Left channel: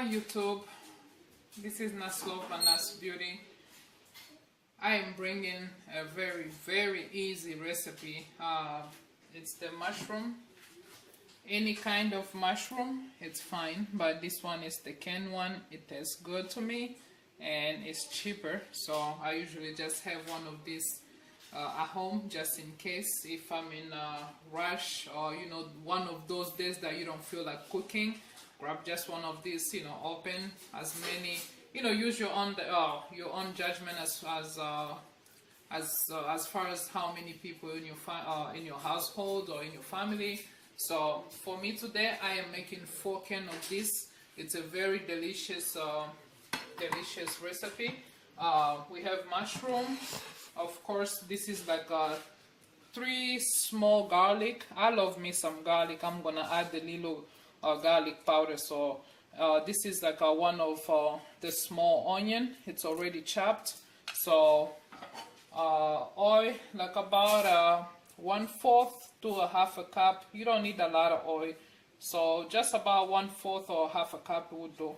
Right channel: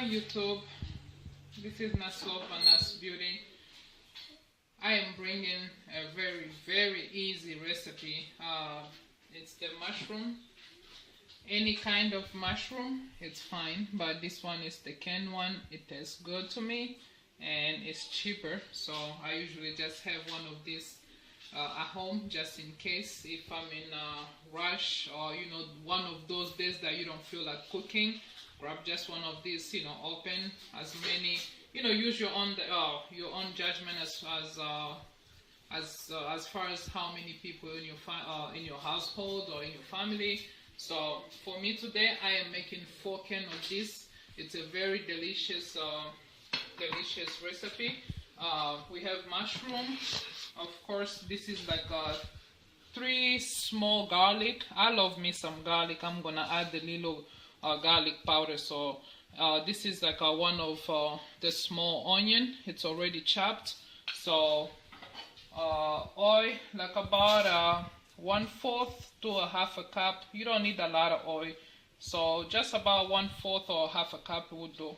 Hi YouTube, this is Naslof and Nas Beauty. I am bringing a very easy recipe. It's the mushroom. Any kind of mushroom, it's fine, but this one is the canned one. It tastes good to me and it's cheaper, so I usually just have one of these at home just in case if I'm in a rush, or one of those days that you don't feel like cooking. Grab just one of these, open as many, use your own judgment as far as how many people in your household or in your family. So for me today, I am making 4 cans of this. It's a very delicious recipe. We have mushroom. Of course, this is like 3 small garlic. I love me some garlic. I'm gonna add the little garlic powder. So this is like one of the small onion. It's already chopped. So oil, like about 1/4 to a 1/2 cup. You don't need a lot of oil, so just about 1/4 or 1/2 cup would do.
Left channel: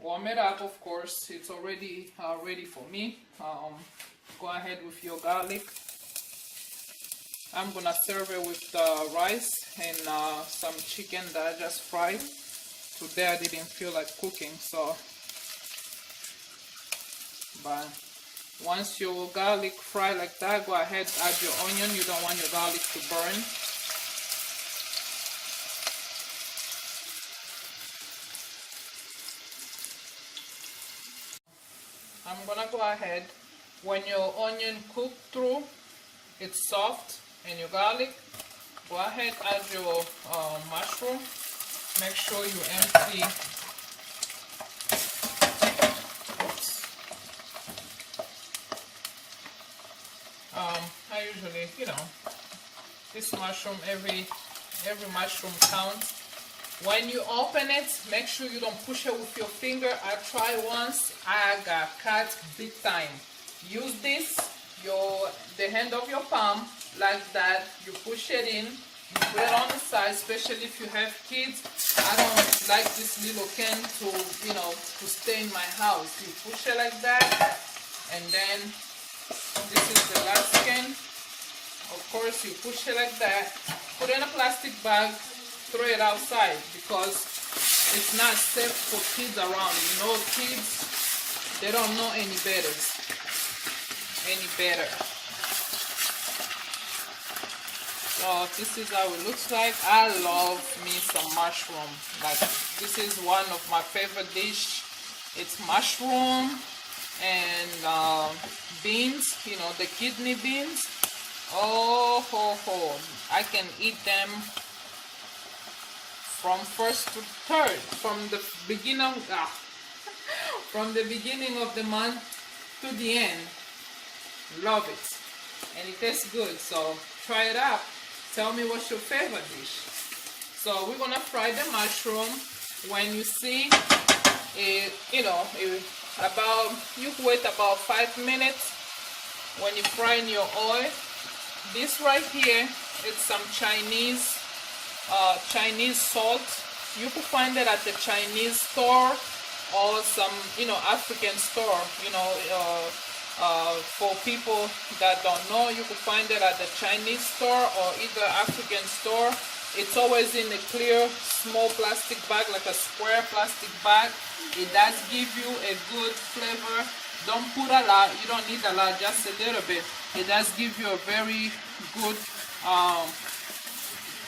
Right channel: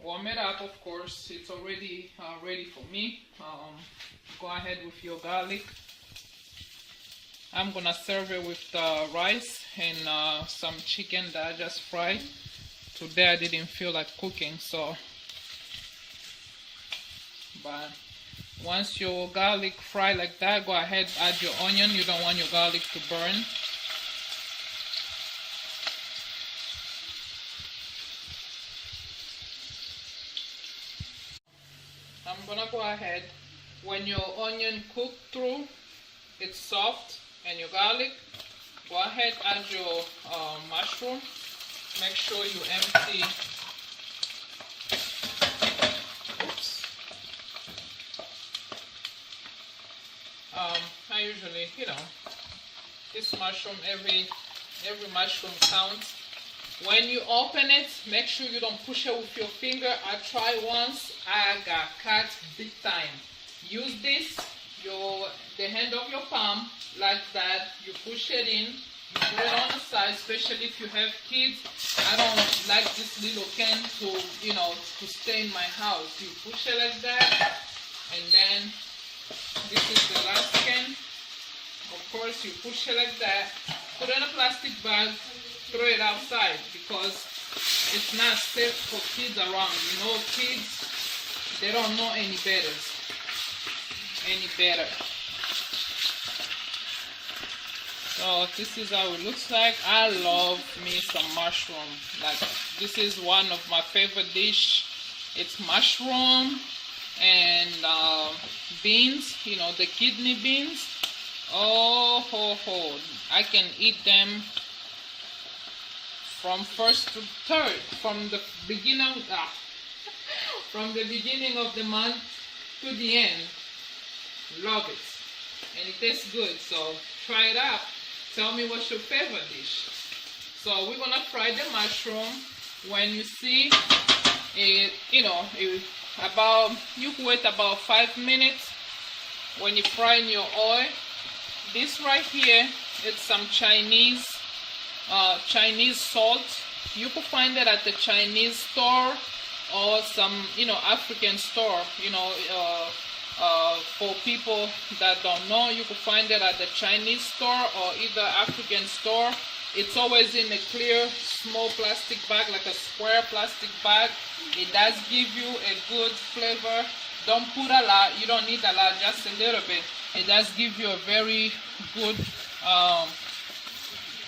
Warm it up, of course. It's already ready for me. Go ahead with your garlic. I'm gonna serve it with rice and some chicken that I just fried. Today I didn't feel like cooking, so but once your garlic fry like that, go ahead, add your onion. You don't want your garlic to burn. I'm gonna go ahead, when your onion cook through, it's soft, and your garlic, go ahead, add your mushroom. Make sure you empty. Oops. I usually, this mushroom, every mushroom counts. When you open it, make sure you don't push it with your finger. I tried once, I got cut big time. Use this, the hand of your palm, like that. You push it in, you put it on the side, especially if you have kids. I don't like this little can to stay in my house. You push it like that, and then this is the last can. Of course, you push it like that, put it in a plastic bag, throw it outside, because it's not safe for kids around. Kids, they don't know any better. So this is how it looks like. I love me some mushroom. Like, this is one of my favorite dish. It's mushroom and beans, the kidney beans. Oh, I can eat them from first to third, from the beginning of the month to the end. Love it, and it tastes good. So try it out. Tell me what's your favorite dish. So we're gonna fry the mushroom. When you see it, you wait about 5 minutes. When you fry in your oil, this right here is some Chinese salt. You can find it at the Chinese store or some African store. For people that don't know, you can find it at the Chinese store or either African store. It's always in a clear small plastic bag, like a square plastic bag. It does give you a good flavor. Don't put a lot. You don't need a lot, just a little bit. It does give you a very good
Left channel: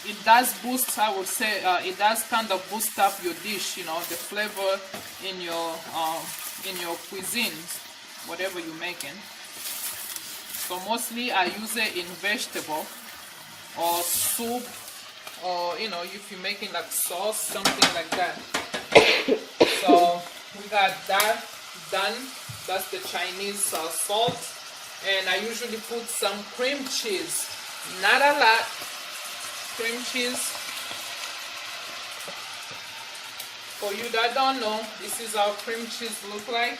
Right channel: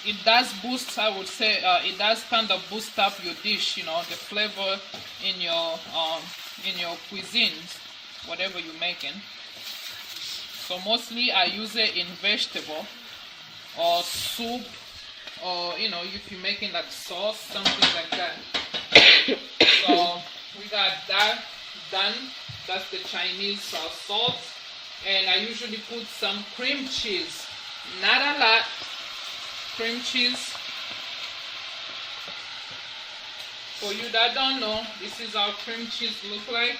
it does boost, I would say, it does kind of boost up your dish, the flavor in your cuisine, whatever you're making. So mostly I use it in vegetable or soup, or if you're making like sauce, something like that. So we got that done. That's the Chinese salt, and I usually put some cream cheese, not a lot. Cream cheese. For you that don't know, this is how cream cheese look like.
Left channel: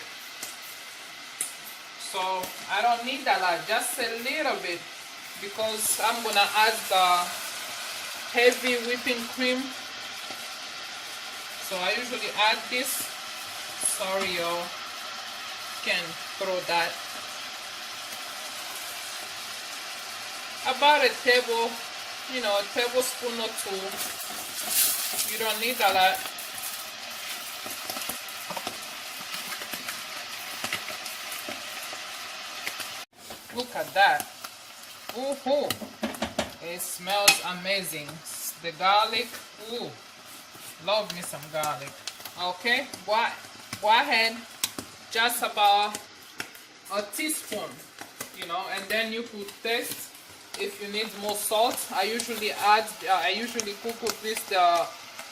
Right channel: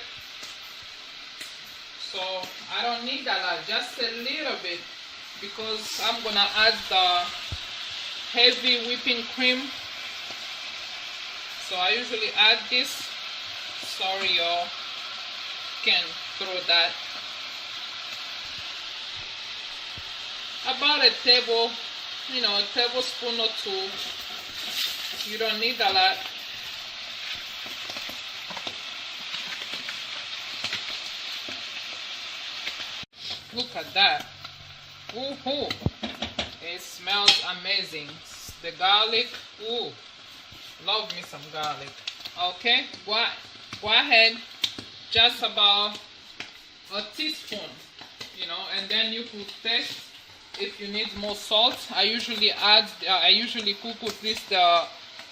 So I don't need a lot, just a little bit, because I'm gonna add the heavy whipping cream. So I usually add this. Sorry, y'all. Can throw that. About a table, a tablespoon or two. You don't need a lot. Look at that. Ooh, it smells amazing. The garlic, ooh, love me some garlic. Okay, go ahead, just about a teaspoon, and then you can taste if you need more salt. I usually cook with this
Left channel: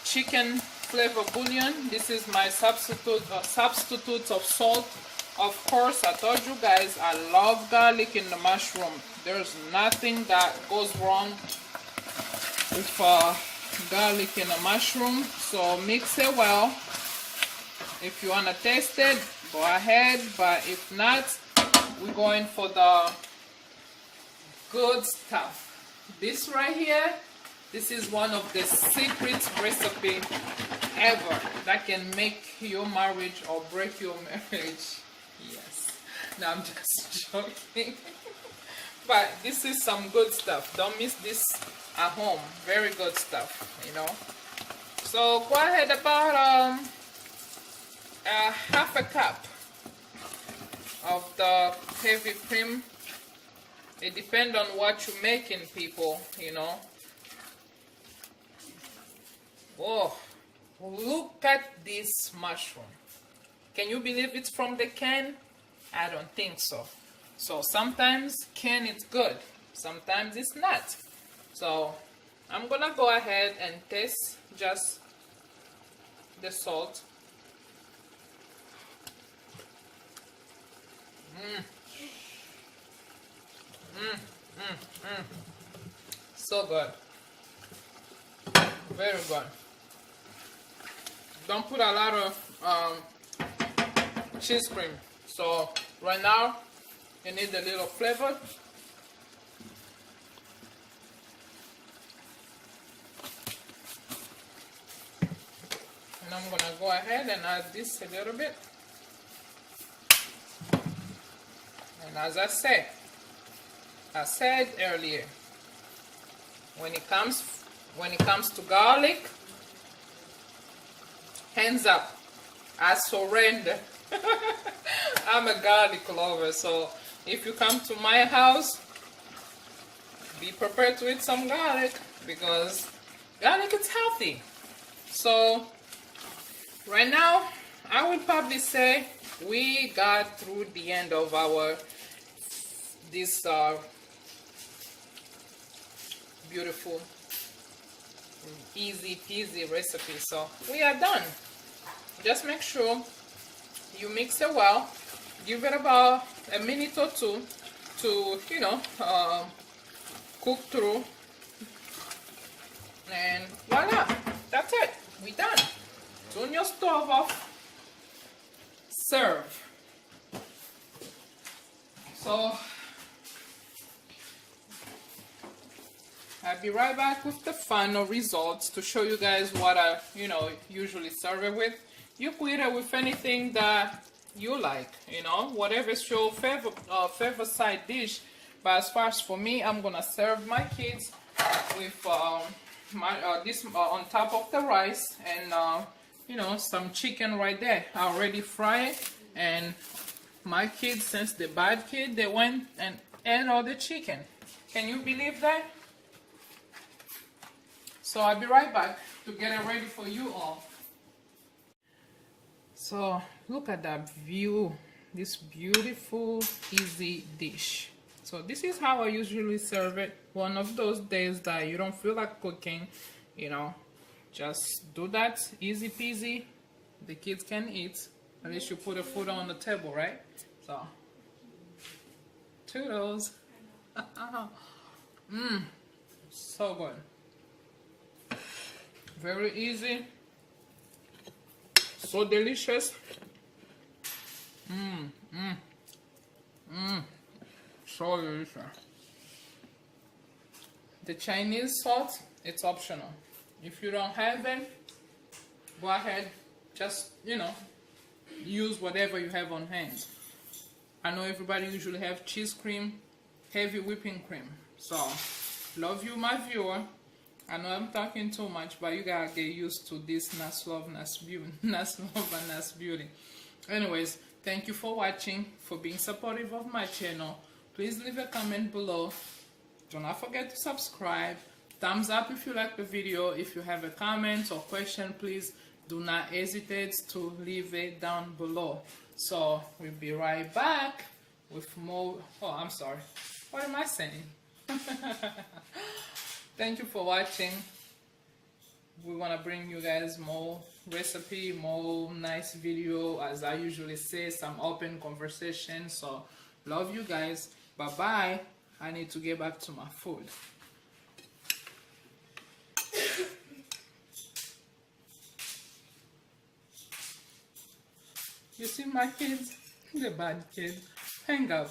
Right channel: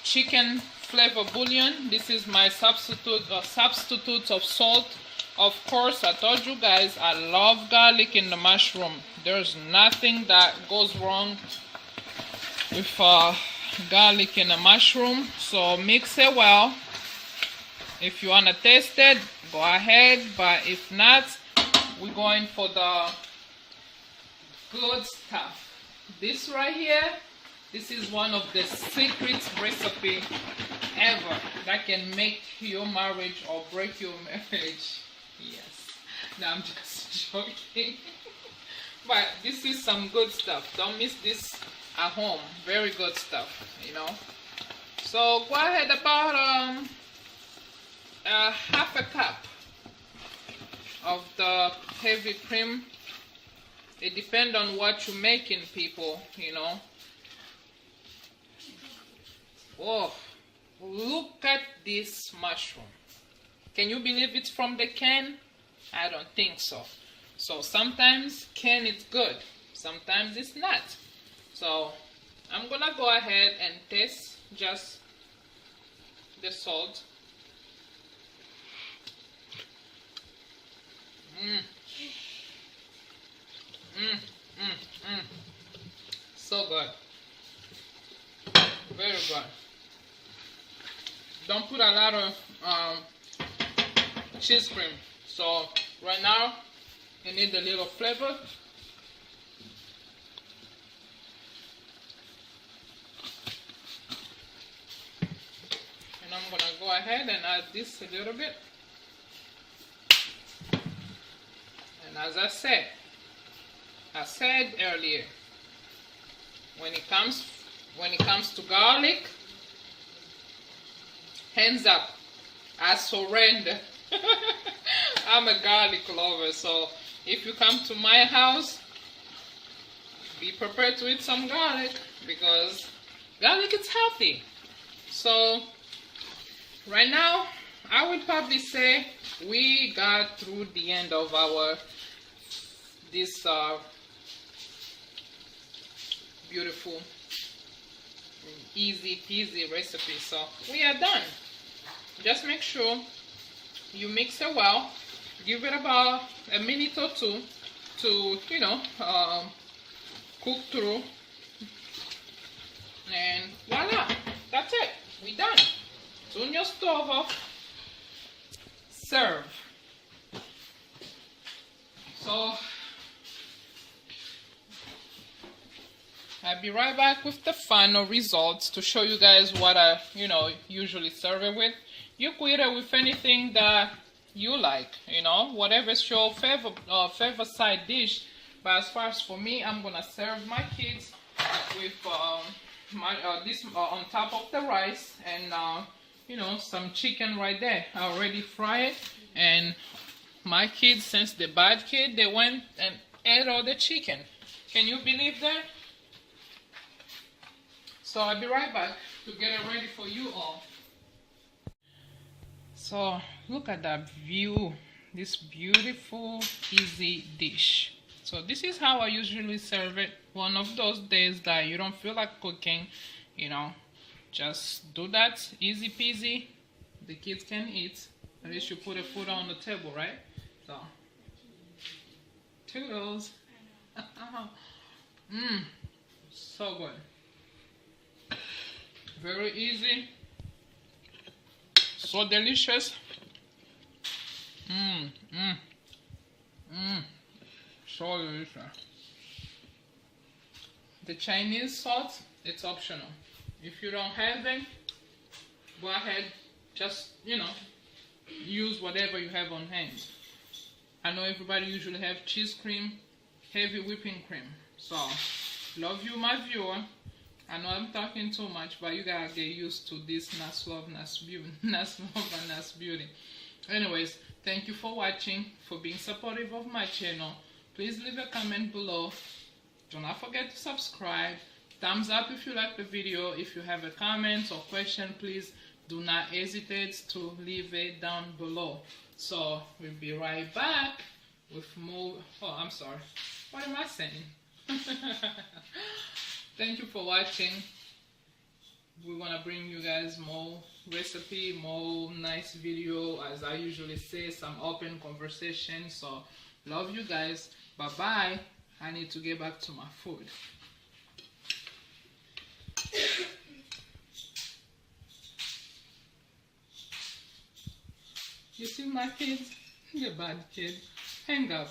chicken flavor bouillon. This is my substitute of salt. Of course, I told you guys I love garlic in the mushroom. There's nothing that goes wrong with garlic in a mushroom. So mix it well. If you want to taste it, go ahead. But if not, we're going for the good stuff. This right here, this is one of the secret recipe ever that can make your marriage or break your marriage. Yes. No, I'm just joking. But this is some good stuff. Don't miss this at home. Very good stuff, So go ahead, about half a cup of the heavy cream. It depends on what you're making, people, Oh, look at this mushroom. Can you believe it's from the can? I don't think so. So sometimes can is good, sometimes it's not. So I'm gonna go ahead and taste just the salt. So good. Very good. Don't put a lot of cheese cream. So right now you need a little flavor. And I'm gonna go ahead and add this a little bit. And as I said earlier, when it comes to garlic, hands up, I surrender. I'm a garlic lover, so if you come to my house, be prepared to eat some garlic, because garlic is healthy. So right now, I would probably say we got through the end of this beautiful, easy peasy recipe. So we are done. Just make sure you mix it well. Give it about a minute or two to cook through, and voila, that's it. We done. Turn your stove off. Serve. So I'll be right back with the final results to show you guys what I usually serve it with. You could eat it with anything that you like, whatever's your favorite side dish. But as far as for me, I'm gonna serve my kids with this on top of the rice, and some chicken right there. I already fried it, and my kids, since the bad kid, they went and ate all the chicken. Can you believe that? So I'll be right back to get it ready for you all. So look at that view, this beautiful, easy dish. So this is how I usually serve it. One of those days that you don't feel like cooking, just do that, easy peasy. The kids can eat. At least you put the food on the table, right? So, toodles. So good. Very easy. So delicious. So delicious. The Chinese salt, it's optional. If you don't have it, go ahead, just, use whatever you have on hand. I know everybody usually have cheese cream, heavy whipping cream. So, love you, my viewer. I know I'm talking too much, but you gotta get used to this Nas Love, Nas Beauty. Nas Love and Nas Beauty. Anyways, thank you for watching, for being supportive of my channel. Please leave a comment below. Do not forget to subscribe. Thumbs up if you like the video. If you have a comment or question, please do not hesitate to leave it down below. So we'll be right back with more. Oh, I'm sorry. What am I saying? Thank you for watching. We want to bring you guys more recipe, more nice video. As I usually say, some open conversation. So love you guys. Bye bye. I need to get back to my food. You see my kids? The bad kids. Hang up.